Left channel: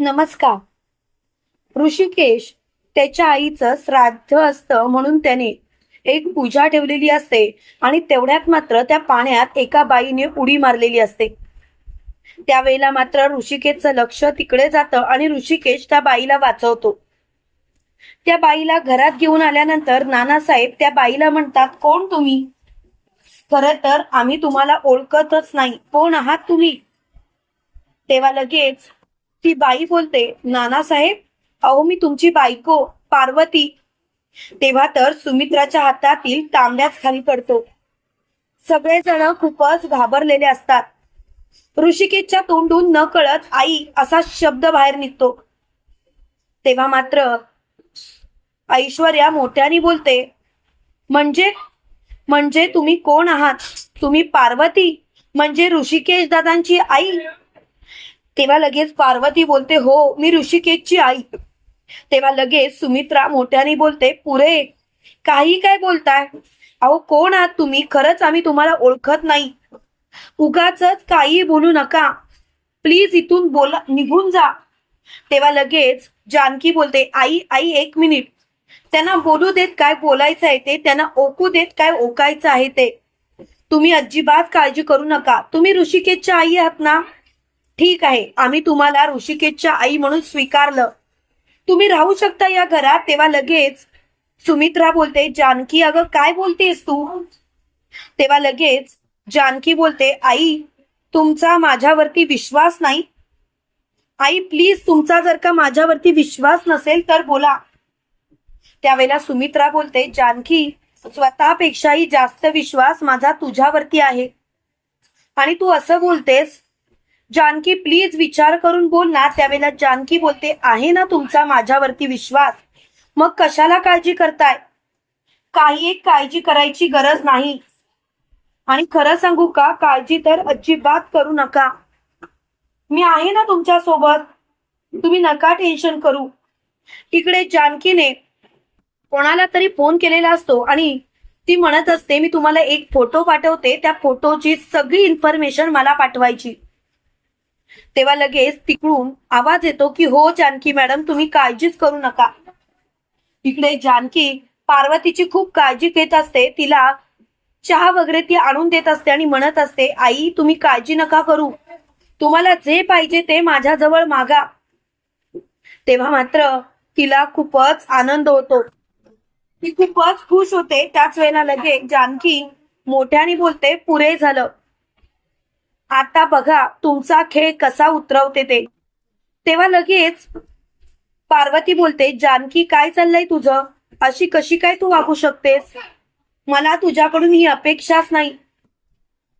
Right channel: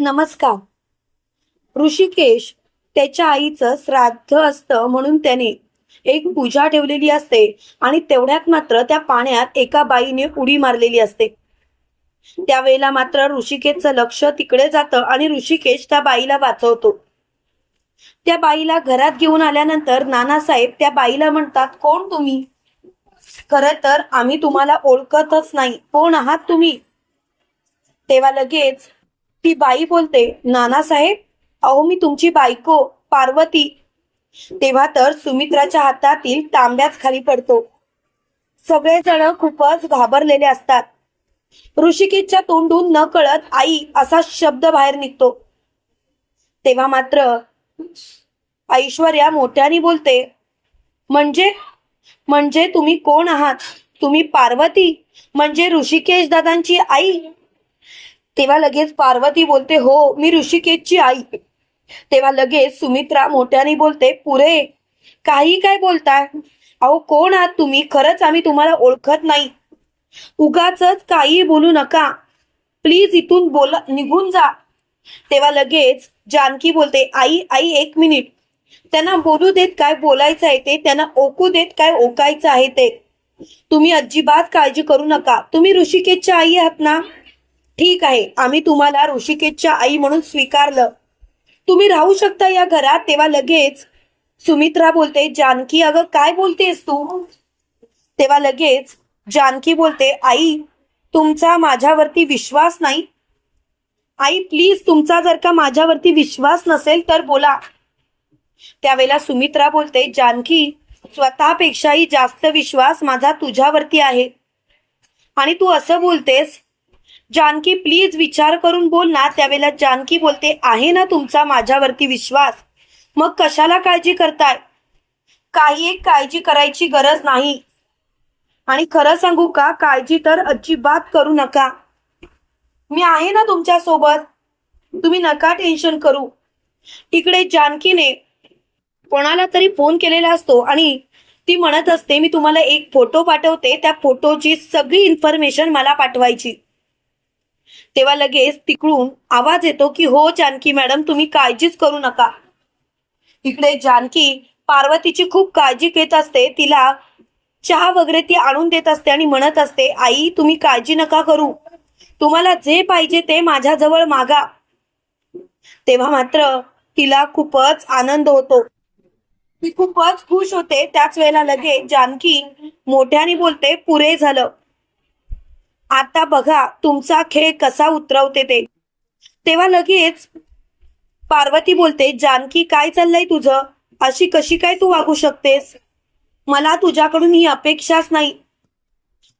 नमस्कार. ऋषिकेश त्याच्या आईचं श्राद्ध असतं म्हणून त्याने एक पूजा ठेवलेली असते आणि तेवढ्यात मात्र त्या पाण्यात एका बाईने उडी मारलेली असते. त्यावेळेला मात्र ऋषिकेशचं लक्ष तिकडे जातं आणि ऋषिकेश त्या बाईला वाचवतो. त्या बाईला घरात घेऊन आल्यानंतर नानासाहेब त्या बाईला म्हणतात कोण तुम्ही? खरं तर आम्ही तुम्हाला ओळखतच नाही. कोण आहात तुम्ही? तेव्हा लगेच ती बाई बोलते नानासाहेब अहो मी तुमची बायको पार्वती. तेव्हा तर सुमित्राच्या हातातील तांब्याच खाली पडतो. सगळेजण खूपच घाबरलेले असतात. ऋषिकेशच्या तोंडून न कळत आई असा शब्द बाहेर निघतो. तेव्हा मात्र ऐश्वर्या मोठ्याने बोलते म्हणजे म्हणजे तुम्ही कोण आहात? तुम्ही पार्वती? म्हणजे ऋषिकेश दादांची आई? तेव्हा लगेच पार्वती बोलते हो मी ऋषिकेशची आई. तेव्हा लगेच सुमित्रा मोठ्याने बोलते पुरे काही काय बोलताय? अहो कोण आहात तुम्ही? खरंच आम्ही तुम्हाला ओळखत नाही. उगाच काही बोलू नका. प्लीज इथून बोला निघून जा. तेव्हा लगेच जानकी बोलते आई आई एक मिनिट. त्यांना बोलू देत काय बोलायचं आहे ते? त्यांना ओकू देत काय ओकायचं आहे ते? तुम्ही अजिबात काळजी करू नका. तुम्ही ऋषिकेशच्या आई आहात ना? ठीक आहे आम्ही तुम्हाला ऋषिकेशच्या आई म्हणून स्वीकारलं. तुम्ही राहू शकता या घरात तेव्हा लगेच सुमित्रा बोलते जानकी अगं काय बोलतेस तू? तेव्हा लगेच जानकी बोलते आई तुमचा माझ्यावरती विश्वास नाही. आई प्लीज तुमचा जर का माझ्यावरती विश्वास नसेल तर बोला. त्यावेळेला सुमित्रा बोलते जानकी स्वतःपेक्षाही जास्त विश्वास माझा तुझ्यावरती आहे. आणि तू असं बोलतेस जानकी प्लीज विचार करून बोल ना. त्यावेळेला जानकी बोलते आहे ना तुमचा माझ्यावरती विश्वास? मग कशाला काळजी करताय? काही एक काळजी करायची गरज नाही. आणि खरं सांगू का? काळजी तर अजिबात करू नका. मी आहे ना तुमच्यासोबत तुम्ही नका टेन्शन करू. इकडे जानकीने कोणाला तरी फोन केलेला असतो आणि ती म्हणत असते मी तुम्हाला एक फोटो पाठवते. त्या फोटोची सगळी इन्फॉर्मेशन मला पाठवायची. तेव्हा लगेच तिकडून आवाज येतो की हो जानकी मॅडम तुम्ही काळजीच करू नका. इकडे जानकी पार्वतीची खूप काळजी घेत असते. तिला चहा वगैरे ती आणून देत असते आणि म्हणत असते आई तुम्ही काळजी नका करू. तुम्हाला जे पाहिजे ते माझ्याजवळ मागा. तेव्हा मात्र तिला खूपच आनंद होतो. ती खूपच खुश होते. त्याच वेळेला लगेच जानकी मोठ्याने बोलते पुरे झालं. आता बघा तुमचा खेळ कसा उतरवते ते. तेव्हा लगेच पार्वती बोलते जानकी काय चाललंय तुझं? अशी कशी काय तू वागू शकतेस? मला तुझ्याकडून ही अपेक्षाच नाही.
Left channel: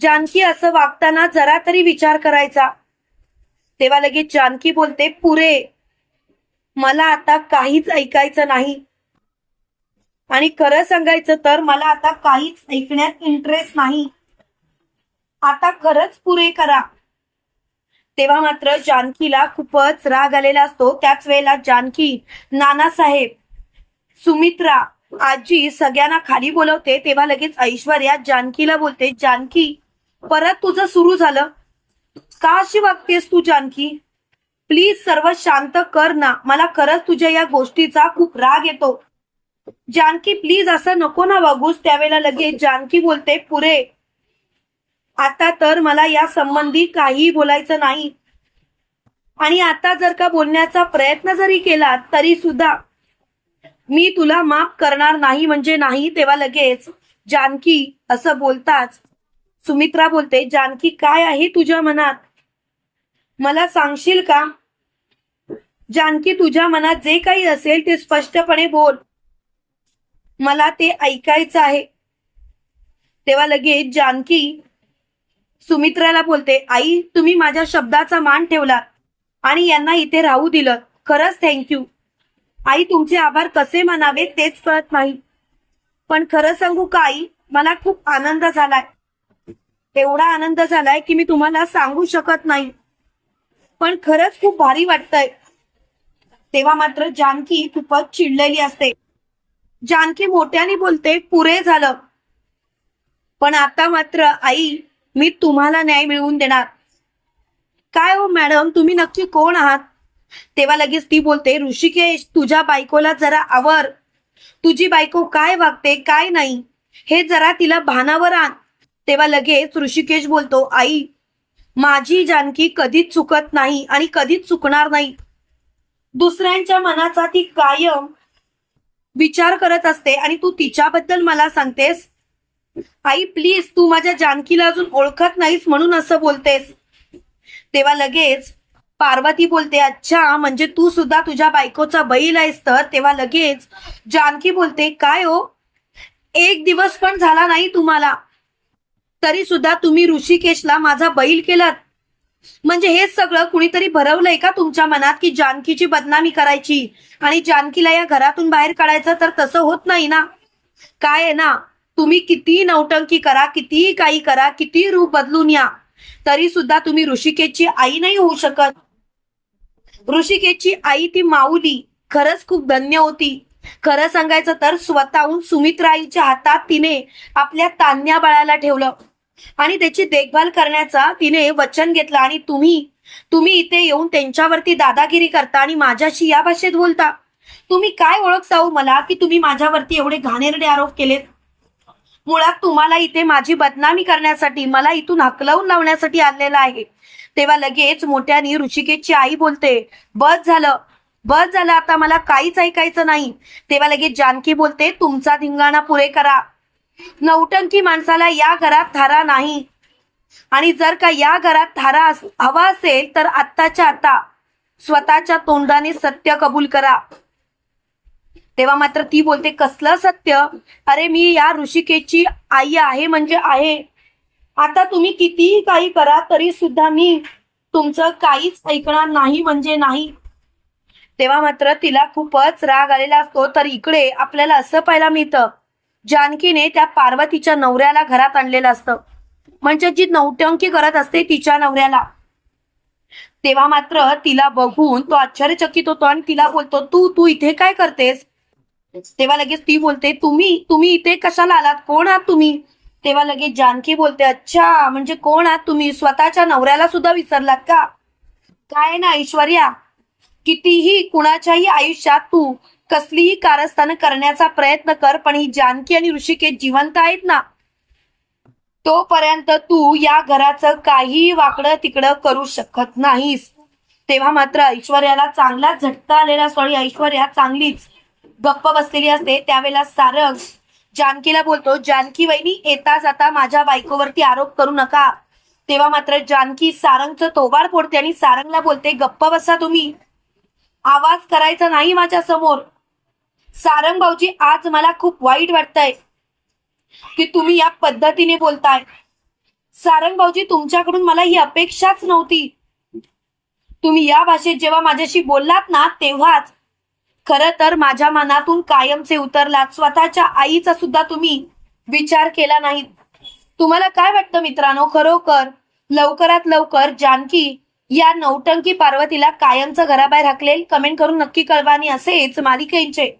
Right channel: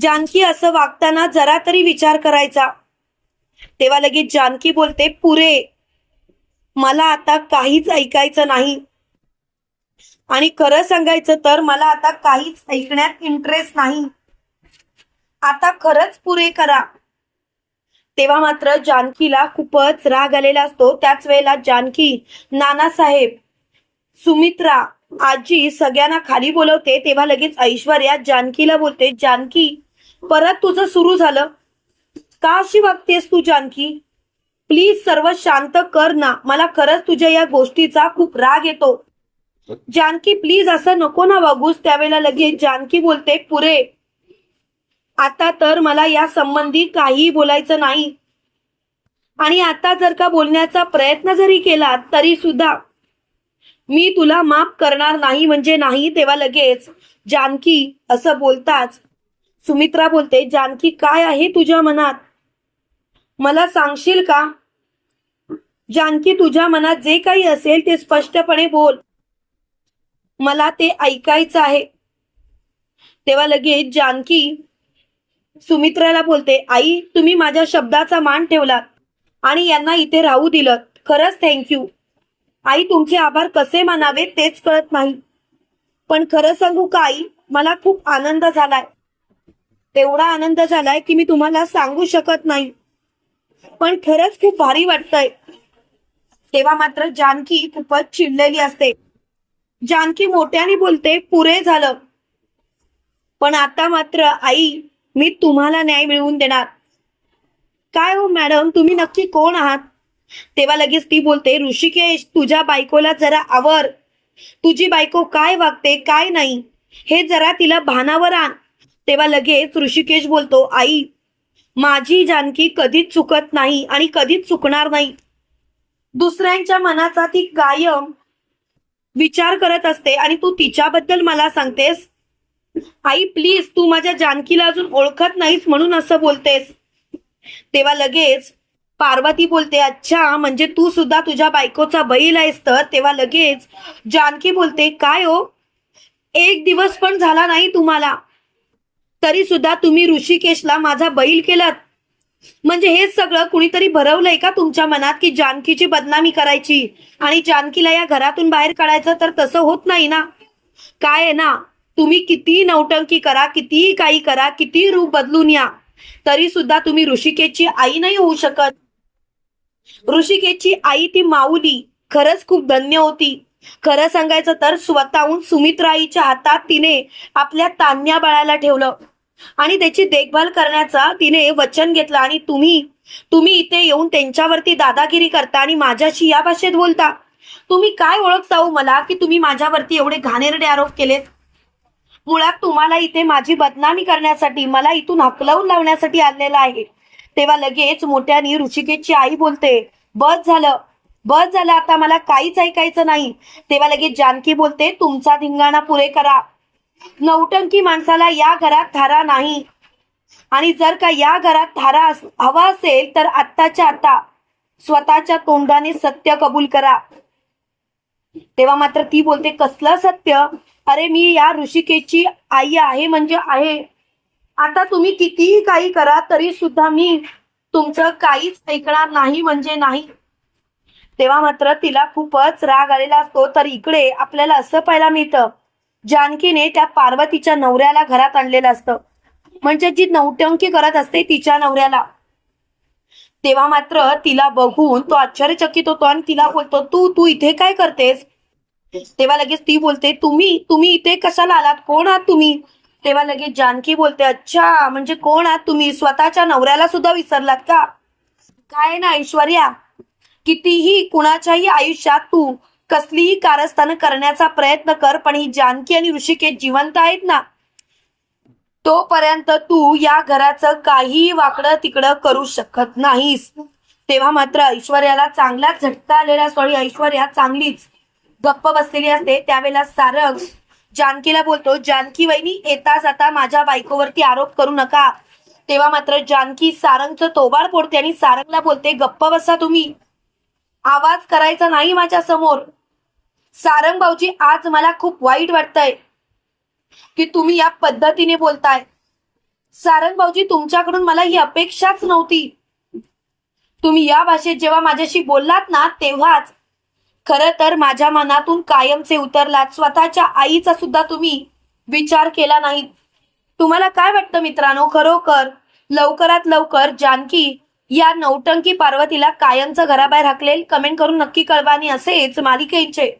जानकी असं वागताना जरा तरी विचार करायचा. तेव्हा लगेच जानकी बोलते पुरे मला आता काहीच ऐकायचं नाही. आणि खरं सांगायचं तर मला आता काहीच ऐकण्यात इंटरेस्ट नाही. आता खरंच पुरे करा. तेव्हा मात्र जानकीला खूपच राग आलेला असतो. त्याच वेळेला जानकी नानासाहेब सुमित्रा आजी सगळ्यांना खाली बोलवते. तेव्हा लगेच ऐश्वर्या जानकीला बोलते जानकी परत तुझं सुरू झालं. का अशी वागतेस तू जानकी? प्लीज सर्व शांत कर ना. मला खरंच तुझ्या या गोष्टीचा खूप राग येतो. जानकी प्लीज असं नको ना वागूस. त्यावेळेला लगेच जानकी बोलते पुरे आता तर मला या संबंधी काहीही बोलायचं नाही. आणि आता जर का बोलण्याचा प्रयत्न जरी केला तरी सुद्धा मी तुला माफ करणार नाही म्हणजे नाही तेव्हा लगेच जानकी असं बोलताच सुमित्रा बोलते जानकी काय आहे तुझ्या मनात? मला सांगशील का? जानकी तुझ्या मनात जे काही असेल ते स्पष्टपणे बोल. मला ते ऐकायचं आहे. तेव्हा लगेच जानकी सुमित्राला बोलते आई तुम्ही माझ्या शब्दाचा मान ठेवलात आणि यांना इथे राहू दिलं. खरंच थँक्यू आई तुमचे आभार कसे मानावे तेच कळत नाही. पण खरं सांगू का आई? मला खूप आनंद झालाय. तेवढा आनंद झालाय की मी तुम्हाला सांगू शकत नाही. पण खरंच खूप भारी वाटतंय. तेव्हा मात्र जानकी खूपच चिडलेली असते. जानकी मोठ्याने बोलते पुरे झालं. पण आता मात्र आई मी तुम्हाला न्याय मिळवून देणार. काय हो मॅडम? तुम्ही नक्की कोण आहात? तेव्हा लगेच ती बोलते ऋषिकेश तुझ्या बायकोला जरा आवर तुझी बायको काय वागते काय नाही हे जरा तिला भानावर आण. तेव्हा लगेच ऋषिकेश बोलतो आई माझी जानकी कधीच चुकत नाही आणि कधीच चुकणार नाही. दुसऱ्यांच्या मनाचा ती कायम विचार करत असते आणि तू तिच्याबद्दल मला सांगतेस आई प्लीज तू माझ्या जानकीला अजून ओळखत नाहीस म्हणून असं बोलतेस. तेव्हा लगेच पार्वती बोलते अच्छा म्हणजे तू सुद्धा तुझ्या बायकोचा बैल आहेस तर? तेव्हा लगेच जानकी बोलते काय हो? एक दिवस पण झाला नाही तुम्हाला. तरी सुद्धा तुम्ही ऋषिकेशला माझा बैल केलात. म्हणजे हे सगळं कुणीतरी भरवलंय का तुमच्या मनात की जानकीची बदनामी करायची? आणि जानकीला या घरातून बाहेर काढायचं तर तसं होत नाही ना? काय आहे ना? तुम्ही किती नौटंकी करा कितीही काही करा किती रूप बदलून या. तरी सुद्धा तुम्ही ऋषिकेशची आई नाही होऊ शकत. ऋषिकेशची आई ती माऊली. खरंच खूप धन्य होती. खरं सांगायचं तर स्वतःहून सुमित्राईच्या हातात तिने आपल्या तान्या बाळाला ठेवलं. आणि त्याची देखभाल करण्याचा तिने वचन घेतलं. आणि तुम्ही तुम्ही इथे येऊन त्यांच्यावरती दादागिरी करता आणि माझ्याशी या भाषेत बोलता. तुम्ही काय ओळखता हो मला की तुम्ही माझ्यावरती एवढे घाणेरडे आरोप केलेत? मुळात तुम्हाला इथे माझी बदनामी करण्यासाठी मला इथून हकलवून लावण्यासाठी आलेला आहे. तेव्हा लगेच मोठ्यानी ऋषिकेशची आई बोलते बस झालं बस झालं आता मला काहीच ऐकायचं नाही. तेव्हा लगेच जानकी बोलते तुमचा धिंगाणा पुरे करा. नौटंकी माणसाला या घरात थारा नाही. आणि जर का या घरात थारा अस- हवा असेल तर आत्ताच्या आता स्वतःच्या तोंडाने सत्य कबूल करा. तेव्हा मात्र ती बोलते कसलं सत्य? अरे मी या ऋषिकेची आई आहे म्हणजे आहे. आता तुम्ही कितीही काही करा तरी सुद्धा मी तुमचं काहीच ऐकणार नाही म्हणजे नाही. तेव्हा मात्र तिला खूपच राग आलेला असतो तर इकडे आपल्याला असं पाहायला मिळतं जानकीने त्या पार्वतीच्या नवऱ्याला घरात आणलेलं असतं. म्हणजे जी नौटंकी करत असते तिच्या नवऱ्याला. तेव्हा मात्र तिला बघून तो आश्चर्यचकित होतो आणि तिला बोलतो तू तू इथे काय करतेस? तेव्हा लगेच ती बोलते तुम्ही तुम्ही इथे कशाला आलात? कोण आहात तुम्ही? तेव्हा लगेच जानकी बोलते अच्छा म्हणजे कोण आहात तुम्ही? स्वतःच्या नवऱ्याला सुद्धा विसरलात का? काय ना ऐश्वर्या कितीही कुणाच्याही आयुष्यात तू कसलीही कारस्थानं करण्याचा प्रयत्न कर पण ही जानकी आणि ऋषिकेश जिवंत आहेत ना? तोपर्यंत तू या घराचं काही वाकडं तिकडं करू शकत नाहीस. तेव्हा मात्र ऐश्वर्याला चांगला झटका आलेला सॉरी ऐश्वर्या चांगलीच गप्प बसलेली असते. त्यावेळेला सारंग जानकीला बोलतो जानकी वहिनी येता जाता माझ्या बायकोवरती आरोप करू नका. तेव्हा मात्र जानकी सारंगचं तोबाड फोडते आणि सारंगला बोलते गप्प बसा तुम्ही. आवाज करायचा नाही माझ्यासमोर सारंग भाऊजी आज मला खूप वाईट वाटतंय. की तुम्ही या पद्धतीने बोलताय. सारंग भाऊजी तुमच्याकडून मला ही अपेक्षाच नव्हती. तुम्ही या भाषेत जेव्हा माझ्याशी बोललात ना तेव्हाच. खर तर माझ्या मनातून कायमचे उतरलात. स्वतःच्या आईचा सुद्धा तुम्ही विचार केला नाही. तुम्हाला काय वाटतं मित्रांनो? खरोखर लवकरात लवकर जानकी या नौटंकी पार्वतीला कायमचं घराबाहेर हाकलेल? कमेंट करून नक्की कळवा आणि असेच मालिकेचे